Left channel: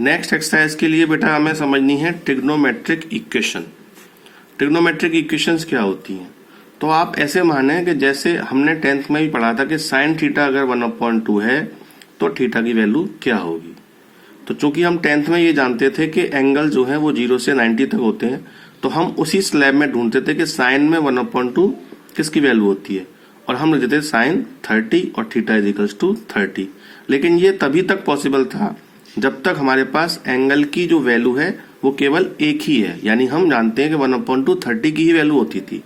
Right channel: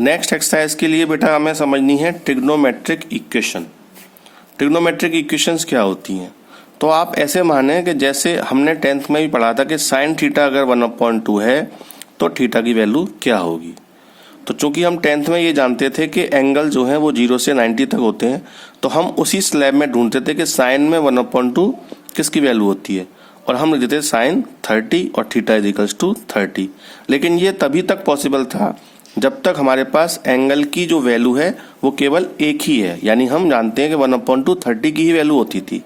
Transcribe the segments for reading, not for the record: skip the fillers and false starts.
Next exercise के लिए बेटा हमें समझनी है ट्रिग्नोमेट्रिक इक्वेशन। ट्रिग्नोमेट्रिक इक्वेशंस क्या होती हैं? तो आप ऐसे माने कि जैसे हमने 10th में भी पढ़ा था कि साइन थीटा अगर 1/2 है तो थीटा की वैल्यू क्या होगी। तो चूंकि हम 10th में ये जानते थे कि एंगल जो है वो 0 से 90 तक होते हैं, तो हम उसी स्लैब में ढूंढते थे कि साइन में 1/2 किसकी वैल्यू होती है, और हम लिखते थे साइन 30 और थीटा इज इक्वल्स टू 30। लेकिन ये तभी तक पॉसिबल था जब तक हमारे पास एंगल की जो वैल्यू है वो केवल एक ही है, यानी हम जानते हैं कि 1/2 30 की ही वैल्यू होती थी।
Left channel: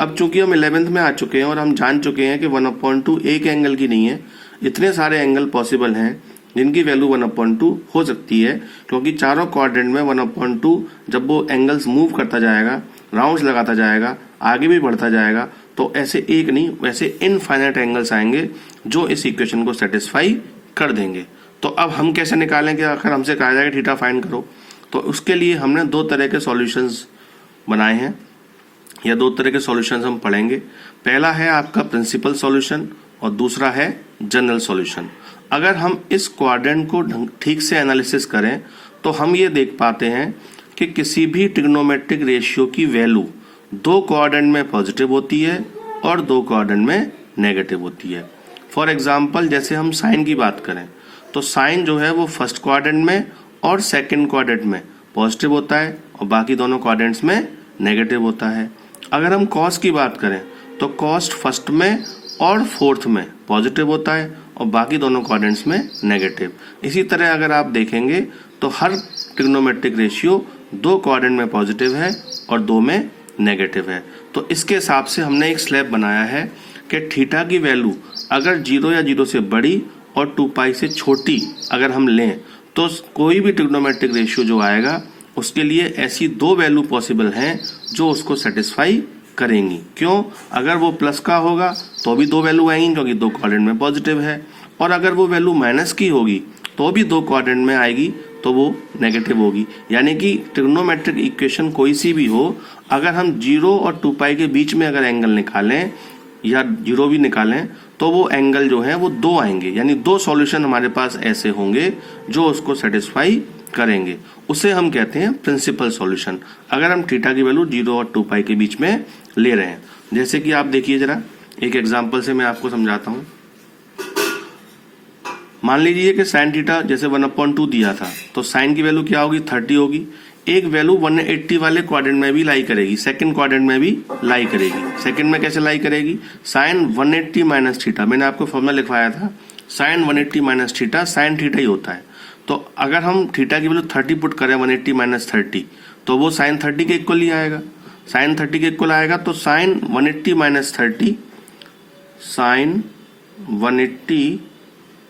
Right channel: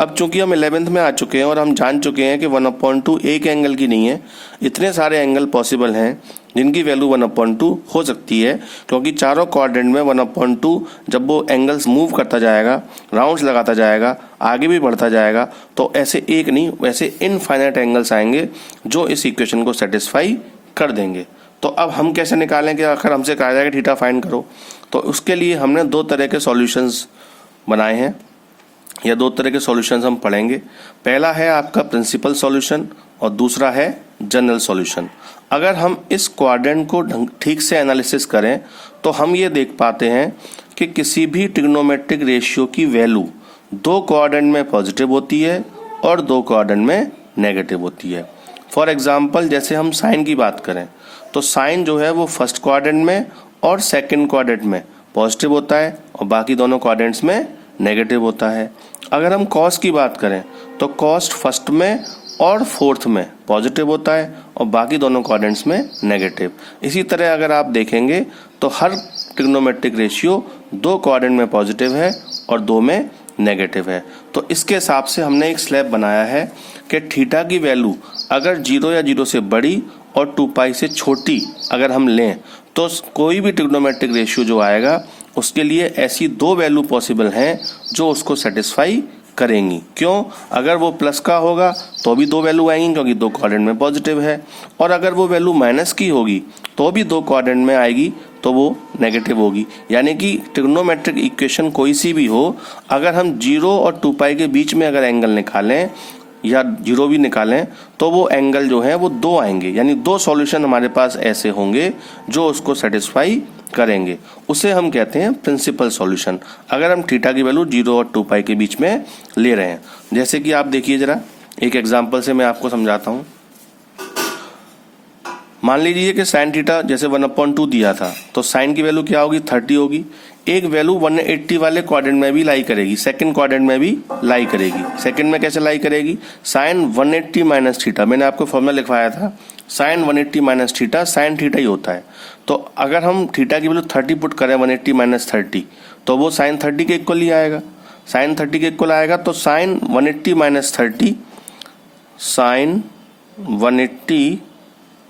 अब चूंकि हम 11th में आ चुके हैं और हम जान चुके हैं कि 1/2 एक एंगल की नहीं है, इतने सारे एंगल पॉसिबल हैं जिनकी वैल्यू 1/2 हो सकती है, क्योंकि चारों क्वाड्रेंट में 1/2 जब वो एंगल्स मूव करता जाएगा, राउंड्स लगाता जाएगा, आगे भी बढ़ता जाएगा, तो ऐसे एक नहीं वैसे इनफाइनाइट एंगल्स आएंगे जो इस इक्वेशन को सेटिस्फाई कर देंगे। तो अब हम कैसे निकालें कि अगर हमसे कहा जाए कि थीटा फाइंड करो, तो उसके लिए हमने दो तरह के सॉल्यूशंस बनाए हैं या दो तरह के सॉल्यूशंस हम पढ़ेंगे। पहला है आपका प्रिंसिपल सॉल्यूशन और दूसरा है जनरल सॉल्यूशन। अगर हम इस क्वाड्रेंट को ठीक से एनालिसिस करें तो हम ये देख पाते हैं कि किसी भी ट्रिग्नोमेट्रिक रेशियो की वैल्यू दो क्वाड्रेंट में पॉजिटिव होती है और दो क्वाड्रेंट में नेगेटिव होती है। फॉर एग्जाम्पल जैसे हम साइन की बात करें तो साइन जो है वो फर्स्ट क्वाड्रेंट में और सेकंड क्वाड्रेंट में पॉजिटिव होता है और बाकी दोनों क्वाड्रेंट्स में नेगेटिव होता है। अगर हम कॉस की बात करें तो कॉस फर्स्ट में और फोर्थ में पॉजिटिव होता है और बाकी दोनों क्वाड्रेंट्स में नेगेटिव। इसी तरह अगर आप देखेंगे तो हर ट्रिग्नोमेट्रिक रेशियो दो क्वाड्रेंट में पॉजिटिव है और दो में नेगेटिव है। तो इसके हिसाब से हमने एक स्लैब बनाया है कि थीटा की वैल्यू अगर 0 या 0 से बड़ी और 2π से छोटी अगर हम लें तो कोई भी ट्रिग्नोमेट्रिक रेशियो जो आएगा उसके लिए ऐसी दो वैल्यू पॉसिबल हैं जो उसको सेटिस्फाई करेंगी। क्यों? अगर वो प्लस का होगा तो भी दो वैल्यू आएंगी क्योंकि दो क्वाड्रेंट में पॉजिटिव है, और अगर वो वैल्यू माइनस की होगी तो भी दो क्वाड्रेंट में आएगी तो वो नेगेटिव होगी। यानी कि ट्रिग्नोमेट्रिक इक्वेशन कोई सी भी हो, अगर हम 0 और 2π के बीच में अगर एंगल निकालें या 0 भी निकालें तो वो एंगल जो है वो दो आएंगे, यानी दो सॉल्यूशन हमारे पास ऐसे होंगे जो उसको सेटिस्फाई करेंगे। उसे हम कहते हैं प्रिंसिपल सॉल्यूशन, अगर हम थीटा की वैल्यू 0 और 2π के बीच में ले रहे हैं। जैसे कि आप देखिए जरा एक एग्जांपल से मैं आपको समझाता हूं। मान लीजिए कि साइन थीटा जैसे 1/2 दिया था तो साइन की वैल्यू क्या होगी 30 होगी। एक वैल्यू 180 वाले क्वाड्रेंट में भी लाई करेगी, सेकंड क्वाड्रेंट में भी लाई करेगी। सेकंड में कैसे लाई करेगी? साइन 180 माइनस थीटा, मैंने आपको फॉर्मूला लिखवाया था, sine 180 minus theta sine theta ही होता है। तो अगर हम थीटा की वैल्यू 30 पुट करें 180 माइनस 30 तो वो साइन 30 के इक्वल ही आएगा, साइन 30 के इक्वल आएगा। तो साइन 180 माइनस 30 साइन 180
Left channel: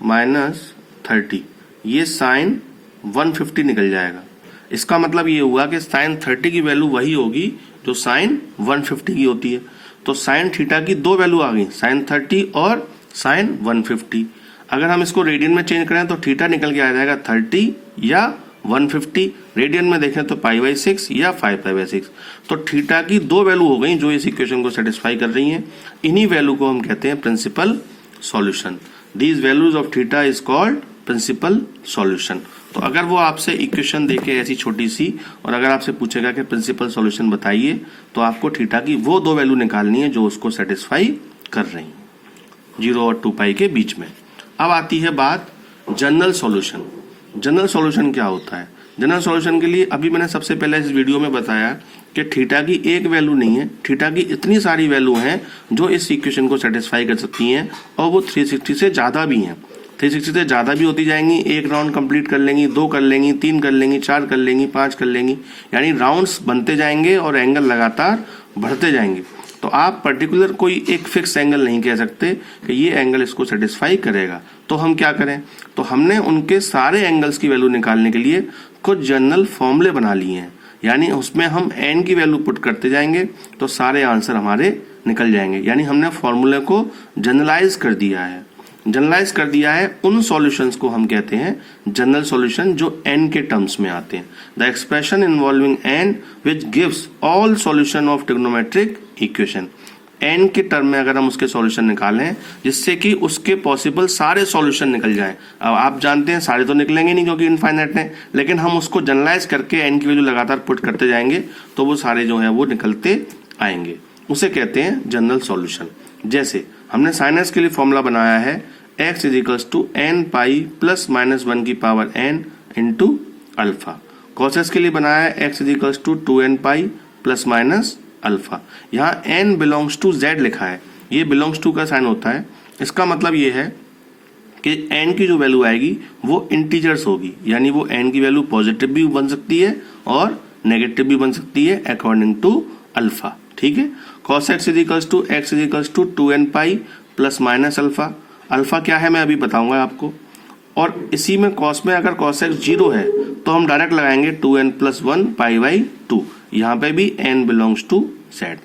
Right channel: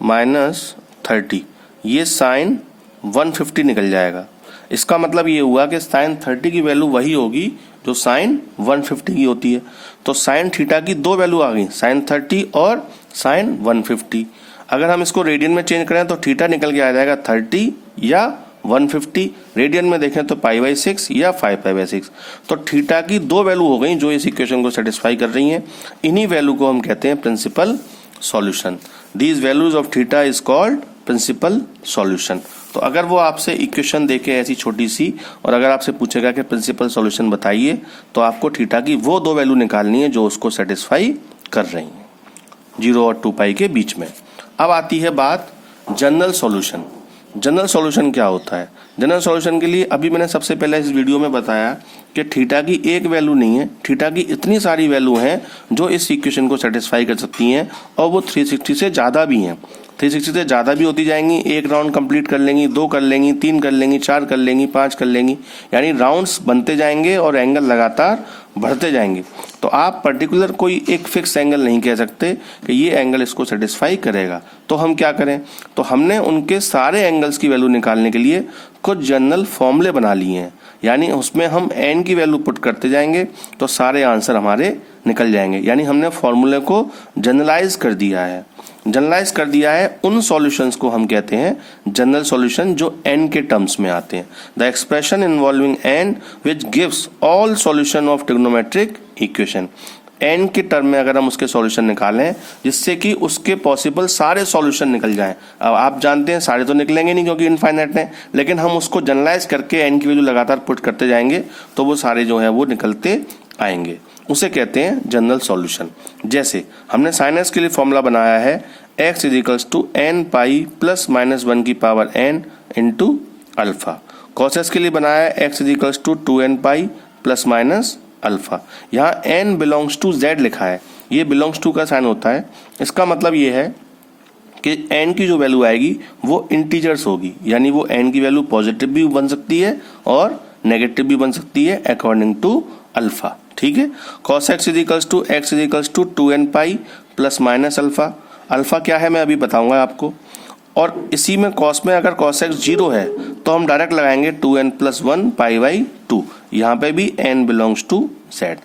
माइनस 30 ये साइन 150 निकल जाएगा। इसका मतलब ये हुआ कि साइन 30 की वैल्यू वही होगी जो साइन 150 की होती है। तो साइन थीटा की दो वैल्यू आ गई, साइन 30 और साइन 150। अगर हम इसको रेडियन में चेंज करें तो थीटा निकल के आ जाएगा 30 या 150। रेडियन में देखें तो π/6 या 5π/6। तो थीटा की दो वैल्यू हो गई जो इस इक्वेशन को सेटिस्फाई कर रही हैं। इन्हीं वैल्यू को हम कहते हैं principal solution. These values of theta is called principal solution. तो अगर वो आपसे इक्वेशन देखे ऐसी छोटी सी और अगर आपसे पूछेगा कि प्रिंसिपल सॉल्यूशन बताइए तो आपको थीटा की वो दो वैल्यू निकालनी है जो उसको सेटिस्फाई कर रही हैं 0 और 2π के बीच में। अब आती है बात जनरल सॉल्यूशन। जनरल सॉल्यूशन क्या होता है? जनरल सॉल्यूशन के लिए अभी मैंने सबसे पहले इस वीडियो में बताया कि थीटा की एक वैल्यू नहीं है, थीटा की इतनी सारी वैल्यू हैं जो इस इक्वेशन को सेटिस्फाई कर सकती हैं, और वो 360 से ज्यादा भी हैं। 360 से ज्यादा भी होती जाएंगी, एक राउंड कंप्लीट कर लेंगी, दो कर लेंगी, तीन कर लेंगी, चार कर लेंगी, पांच कर लेंगी, यानी राउंड्स बनते जाएंगे और एंगल लगातार बढ़ते जाएंगे। तो आप पर्टिकुलर कोई एक फिक्स एंगल नहीं कह सकते कि ये एंगल इसको सेटिस्फाई करेगा। तो हम क्या करें? तो हमने उनके सारे एंगल्स की वैल्यू निकालने के लिए कुछ जनरल फॉर्मूले बना लिए हैं, यानी उसमें हम n की वैल्यू पुट करते जाएंगे तो सारे आंसर हमारे निकल जाएंगे। यानी हमने फॉर्मूले को जनरलाइज कर दिया है। जनरलाइज कर दिया है उन सॉल्यूशंस को हम कहते हैं जनरल सॉल्यूशन जो n के टर्म्स में आते हैं। The expression involving n which gives all solution of trigonometric equation. n के टर्म में अगर हम उसके सॉल्यूशन निकालें जिससे कि उसके पॉसिबल सारे सॉल्यूशन निकल जाएं। अब आप जानते हैं सारे तो निकलेंगे नहीं क्योंकि इनफाइनाइट है, लेकिन हम उसको जनरलाइज करके n की वैल्यू लगातार पुट करते जाएंगे तो वो सारे जो है वो निकलते आएंगे। उसे कहते हैं जनरल सॉल्यूशन। जैसे हमने साइन एक्स के लिए फॉर्मूला बनाया है x equals to n pi plus minus 1 की power n into alpha. Cos x के लिए बनाया है x equals to 2n pi plus minus alpha. यहाँ n बिलोंग्स टू z लिखा है, ये बिलोंग्स टू का साइन होता है। इसका मतलब ये है कि n की जो वैल्यू आएगी वो इंटीजर्स होगी, यानी वो n की वैल्यू पॉजिटिव भी बन सकती है और नेगेटिव भी बन सकती है अकॉर्डिंग टू अल्फा। ठीक है, cos x equals to x equals to 2n pi plus minus alpha. Alpha क्या है मैं अभी बताऊंगा आपको। और इसी में cos में अगर cos x 0 है तो हम डायरेक्ट लगाएंगे 2n प्लस 1 पाई बाई 2। यहाँ पे भी n बिलोंग्स टू z।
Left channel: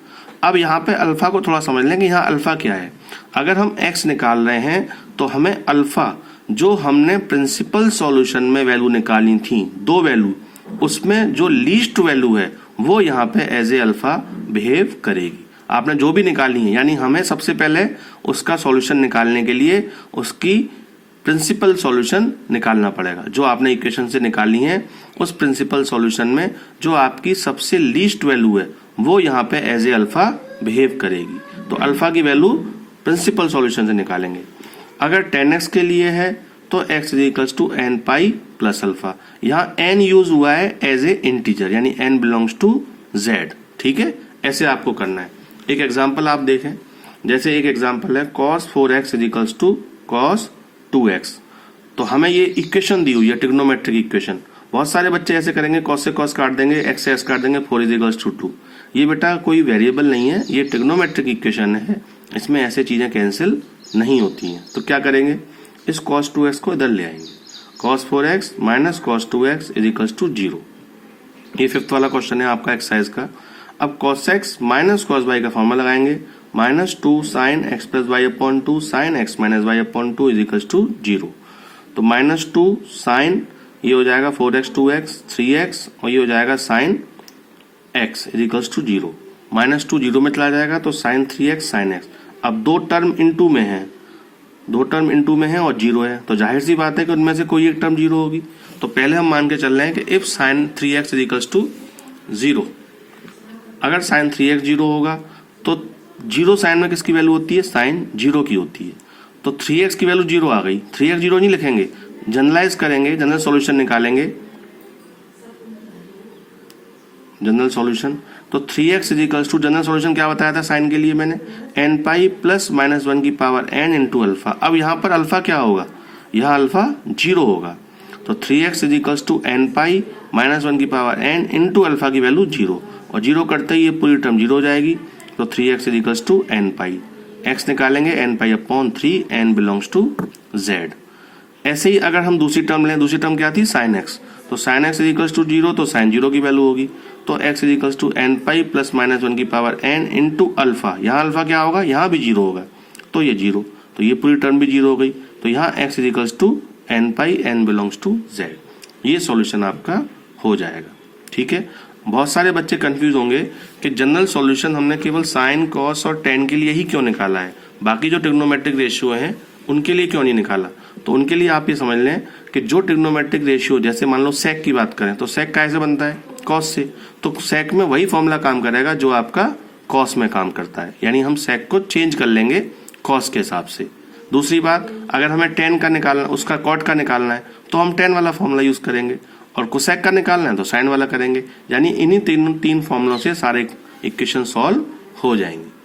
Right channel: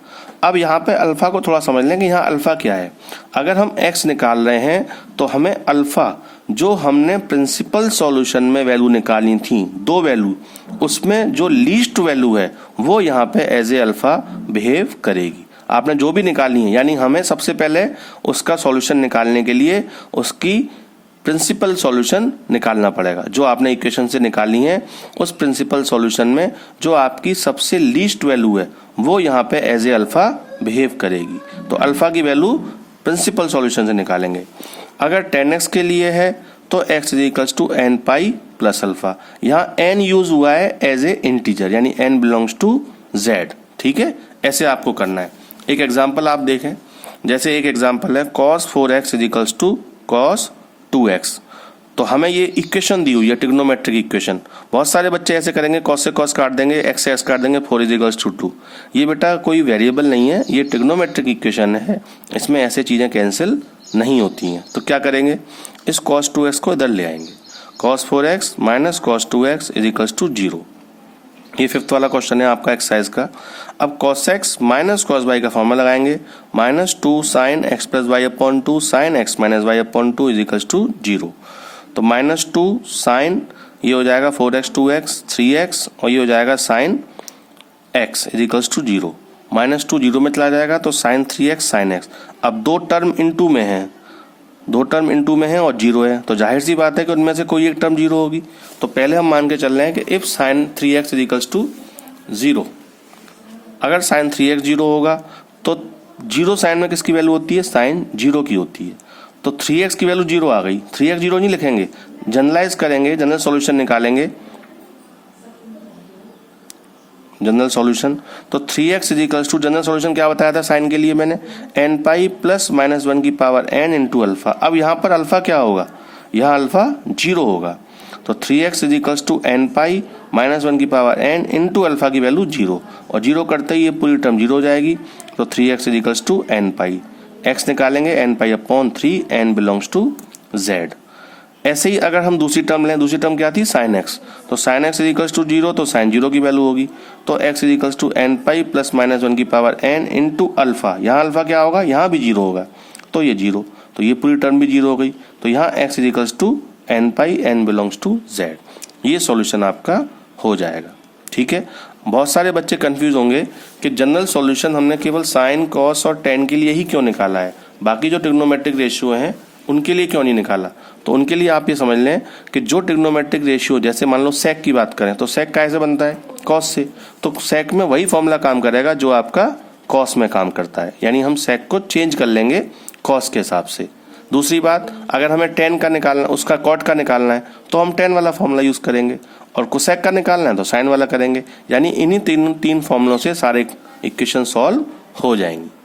अब यहाँ पे अल्फा को थोड़ा समझ लें कि यहाँ अल्फा क्या है। अगर हम x निकाल रहे हैं तो हमें अल्फा जो हमने प्रिंसिपल सॉल्यूशन में वैल्यू निकाली थी, दो वैल्यू, उसमें जो लीस्ट वैल्यू है वो यहाँ पे एज ए अल्फा बिहेव करेगी। आपने जो भी निकाली है, यानी हमें सबसे पहले उसका सॉल्यूशन निकालने के लिए उसकी प्रिंसिपल सॉल्यूशन निकालना पड़ेगा। जो आपने इक्वेशन से निकाली है उस प्रिंसिपल सॉल्यूशन में जो आपकी सबसे लीस्ट वैल्यू है वो यहाँ पे एज ए अल्फा बिहेव करेगी। तो अल्फा की वैल्यू प्रिंसिपल सॉल्यूशन से निकालेंगे। अगर 10x के लिए है तो x equals to n pi plus alpha. यहाँ n यूज हुआ है एज ए इंटीजर, यानी n बिलोंग्स टू z। ठीक है, ऐसे आपको करना है। एक एग्जांपल आप देखें, जैसे एक एग्जांपल है cos 4x equals to cos 2x। तो हमें ये इक्वेशन दी हुई है, ट्रिग्नोमेट्रिक इक्वेशन। बहुत सारे बच्चे ऐसे करेंगे, cos से cos काट देंगे, x से x काट देंगे, 4 इजिकल्स टू 2। ये बेटा कोई वेरिएबल नहीं है, ये ट्रिग्नोमेट्रिक इक्वेशन है, इसमें ऐसे चीजें कैंसिल नहीं होती हैं। तो क्या करेंगे, इस cos 2x को इधर ले आएंगे, cos 4x minus cos 2x equals to 0। ये 5th वाला क्वेश्चन है आपका एक्सरसाइज का। अब cos x minus cos y का फॉर्मूला लगाएंगे, minus 2 sine x plus y upon 2 sine x minus y upon 2 equals to 0। तो माइनस 2 साइन, ये हो जाएगा 4x 2x 3x, और ये हो जाएगा sine x equals to 0। Minus 2 0 में चला जाएगा तो साइन 3x साइन x। अब दो टर्म इनटू में है, दो टर्म इनटू में है और 0 है, तो जाहिर सी बात है कि उनमें से कोई एक टर्म 0 होगी। तो पहले हम मान के चल रहे हैं कि if sign 3x equals to 0, अगर साइन 3x 0 होगा तो 0 साइन में किसकी वैल्यू होती है, साइन 0 की होती है। तो 3x की वैल्यू 0 आ गई, 3x 0 नहीं लिखेंगे, जनरलाइज करेंगे, जनरल सॉल्यूशन निकालेंगे, जनरल सॉल्यूशन। तो 3x equals to, general solution क्या बताया था साइन के लिए मैंने, n पाई प्लस माइनस 1 की पावर n इंटू अल्फा। अब यहाँ पर अल्फा क्या होगा, यहाँ अल्फा 0 होगा। तो 3x equals to n pi minus 1 की पावर n इंटू अल्फा की वैल्यू 0, और 0 करते ही ये पूरी टर्म 0 हो जाएगी। तो 3x equals to n pi, x निकालेंगे n pi upon 3, n belongs to z। ऐसे ही अगर हम दूसरी टर्म लें, दूसरी टर्म क्या थी, साइन x। तो साइन x इजिकल्स टू 0, तो साइन 0 की वैल्यू होगी। तो x equals to n pi plus minus 1 की पावर n इंटू अल्फा। यहाँ अल्फा क्या होगा, यहाँ भी 0 होगा, तो ये 0, तो ये पूरी टर्म भी 0 हो गई। तो यहाँ x equals to n pi, n belongs to z। ये सॉल्यूशन आपका हो जाएगा। ठीक है, बहुत सारे बच्चे कंफ्यूज होंगे कि जनरल सॉल्यूशन हमने केवल साइन, कॉस और टेन के लिए ही क्यों निकाला है, बाकी जो ट्रिग्नोमेट्रिक रेशियो हैं उनके लिए क्यों नहीं निकाला। तो उनके लिए आप ये समझ लें कि जो ट्रिग्नोमेट्रिक रेशियो, जैसे मान लो सेक की बात करें तो सेक कैसे बनता है, कॉस से। तो सेक में वही फॉर्मूला काम करेगा जो आपका कॉस में काम करता है, यानी हम सेक को चेंज कर लेंगे कॉस के हिसाब से। दूसरी बात, अगर हमें टेन का निकालना, उसका कॉट का निकालना है तो हम टेन वाला फॉर्मूला यूज करेंगे, और कोसेक का निकालना है तो साइन वाला करेंगे। यानी इन्हीं तीन फॉर्मूलों से सारे इक्वेशन सॉल्व हो जाएंगे।